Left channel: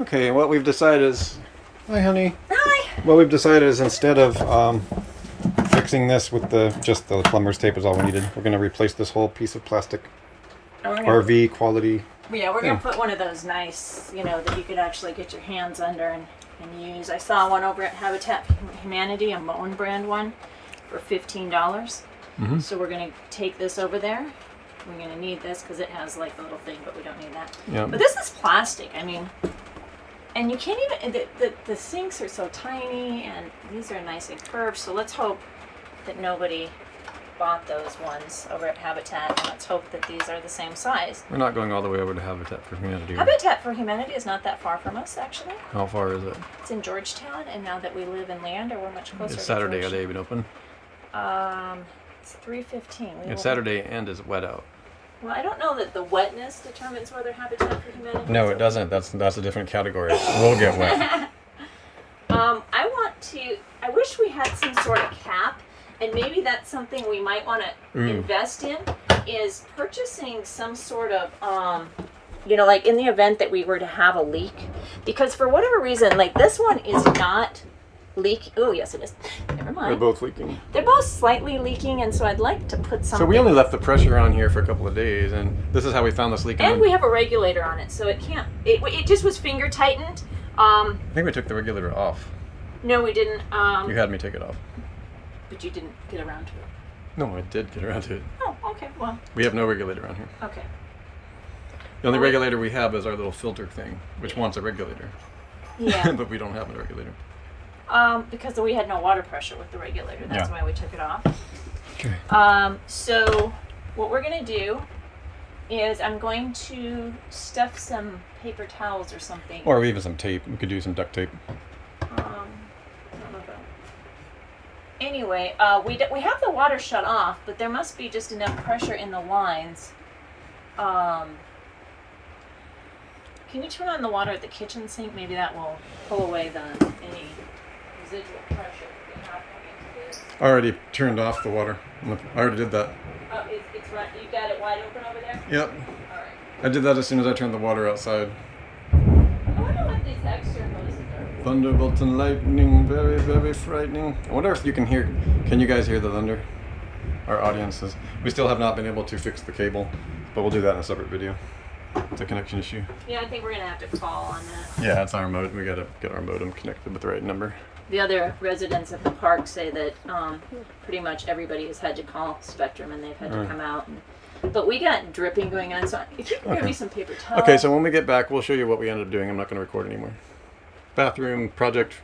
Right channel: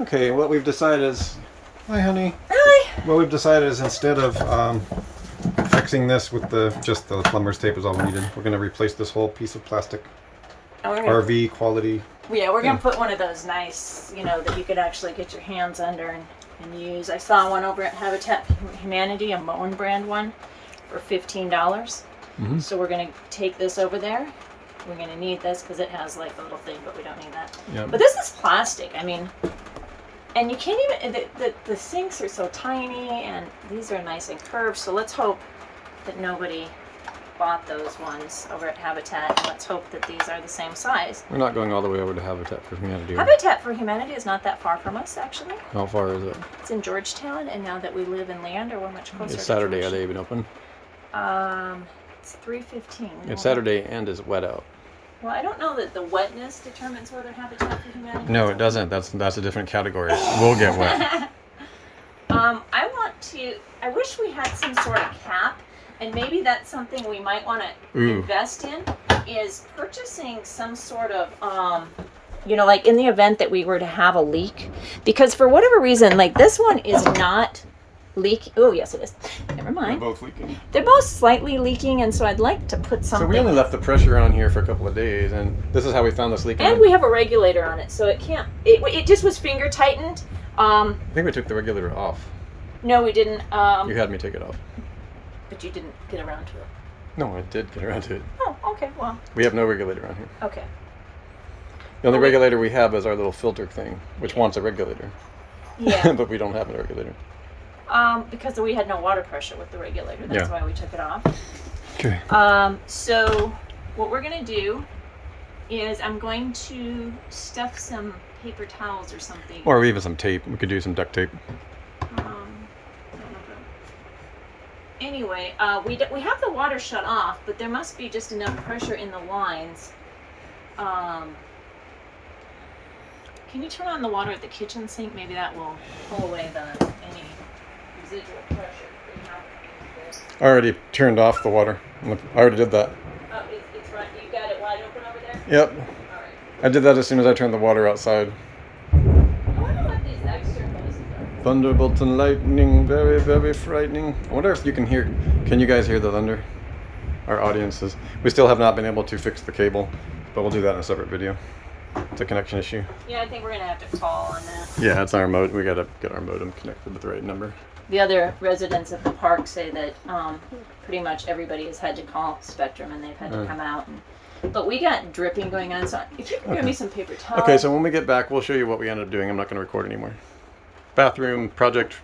Okay, what we've decided is... Hi, honey. Hi. What we've decided is instead of fixing this with just the plumber's tape is all we needed, we're going to replace this whole piece of plastic. RV quality. Yeah, we're going to put one of those nice, that you could actually get your hands under and use. I saw one over at Habitat for Humanity, a Moen brand one, for $15. Mm-hmm. So we're going to take this over there. We're going to need this because it has like a little thing, but we don't need that. Yep. But this is plastic. I mean, and you can't even, the sinks are so tiny and these are nice and curved. So let's hope that nobody bought those ones over at Habitat. And let's hope that these are the same size. We're not going all the way over to Habitat for Humanity. Habitat for Humanity is not that far from us, actually. How far is it? It's in Georgetown, and now that we live in Leander, we're much closer. It's Saturday. Are they even open? It's 3:15. It's Saturday and is it wet out? Well, I don't know that the wetness determines whether Habitat for Humanity. No, it doesn't. That's a different category. We'll get wet. I wish we had some sort of cap, and maybe that's something we might want to invest in, is purchasing some sort of, like in the event that we were to have a leak. Because for whatever reason, like this one is not leak. Oh, yes, it is. Never mind. They're both leaking. They're both slightly leaking, and so I'd like to put something. So we only left the pressure on here for a couple of days, and this is how we found this leak. And we have a regulator on it, so it can't. It just was finger tightened. I think we took the regulator off. No, we didn't. You had me take it off. But you didn't get around to it. No, I did get around to it. Oh, okay. Well. We have no regulator on here. Okay. The only regulator we have is our little filter thing, which wants a regulator. Yeah. But we don't have a regulator. Because we had no water pressure with the regulator. That's why we took it off. Okay. So what we're gonna do is I'm going to stuff some paper towels or something. Or even some tape. We could do some duct tape. I don't know Anyway, we have the water shut off, but there must be just enough pressure in the lines. Can you turn on the water at the kitchen sink? Maybe that will pull away any residual pressure that we have coming into this. I already turned off the water. Look, I already did that. Oh, it's right. You got it wide open over there? Yep. All right. I did that as soon as I turned the water outside. I wonder what these extra noises are. Thunderbolt and lightning, very, very frightening. I wonder if you can hear. Can you guys hear the thunder? Our audiences. We still have not been able to fix the cable, but we'll do that in a separate video. It's a connection issue. Yeah, I think we're gonna have to call on that. Yeah, it's our modem. We gotta get our modem connected with the right number. The other residents of the park say that pretty much everybody has had to call Spectrum and they've had to come out. But we got dripping going on, so if you can give me some paper towels. Okay, so when we get back, we'll show you what we ended up doing. I'm not going to record anymore. Bathroom project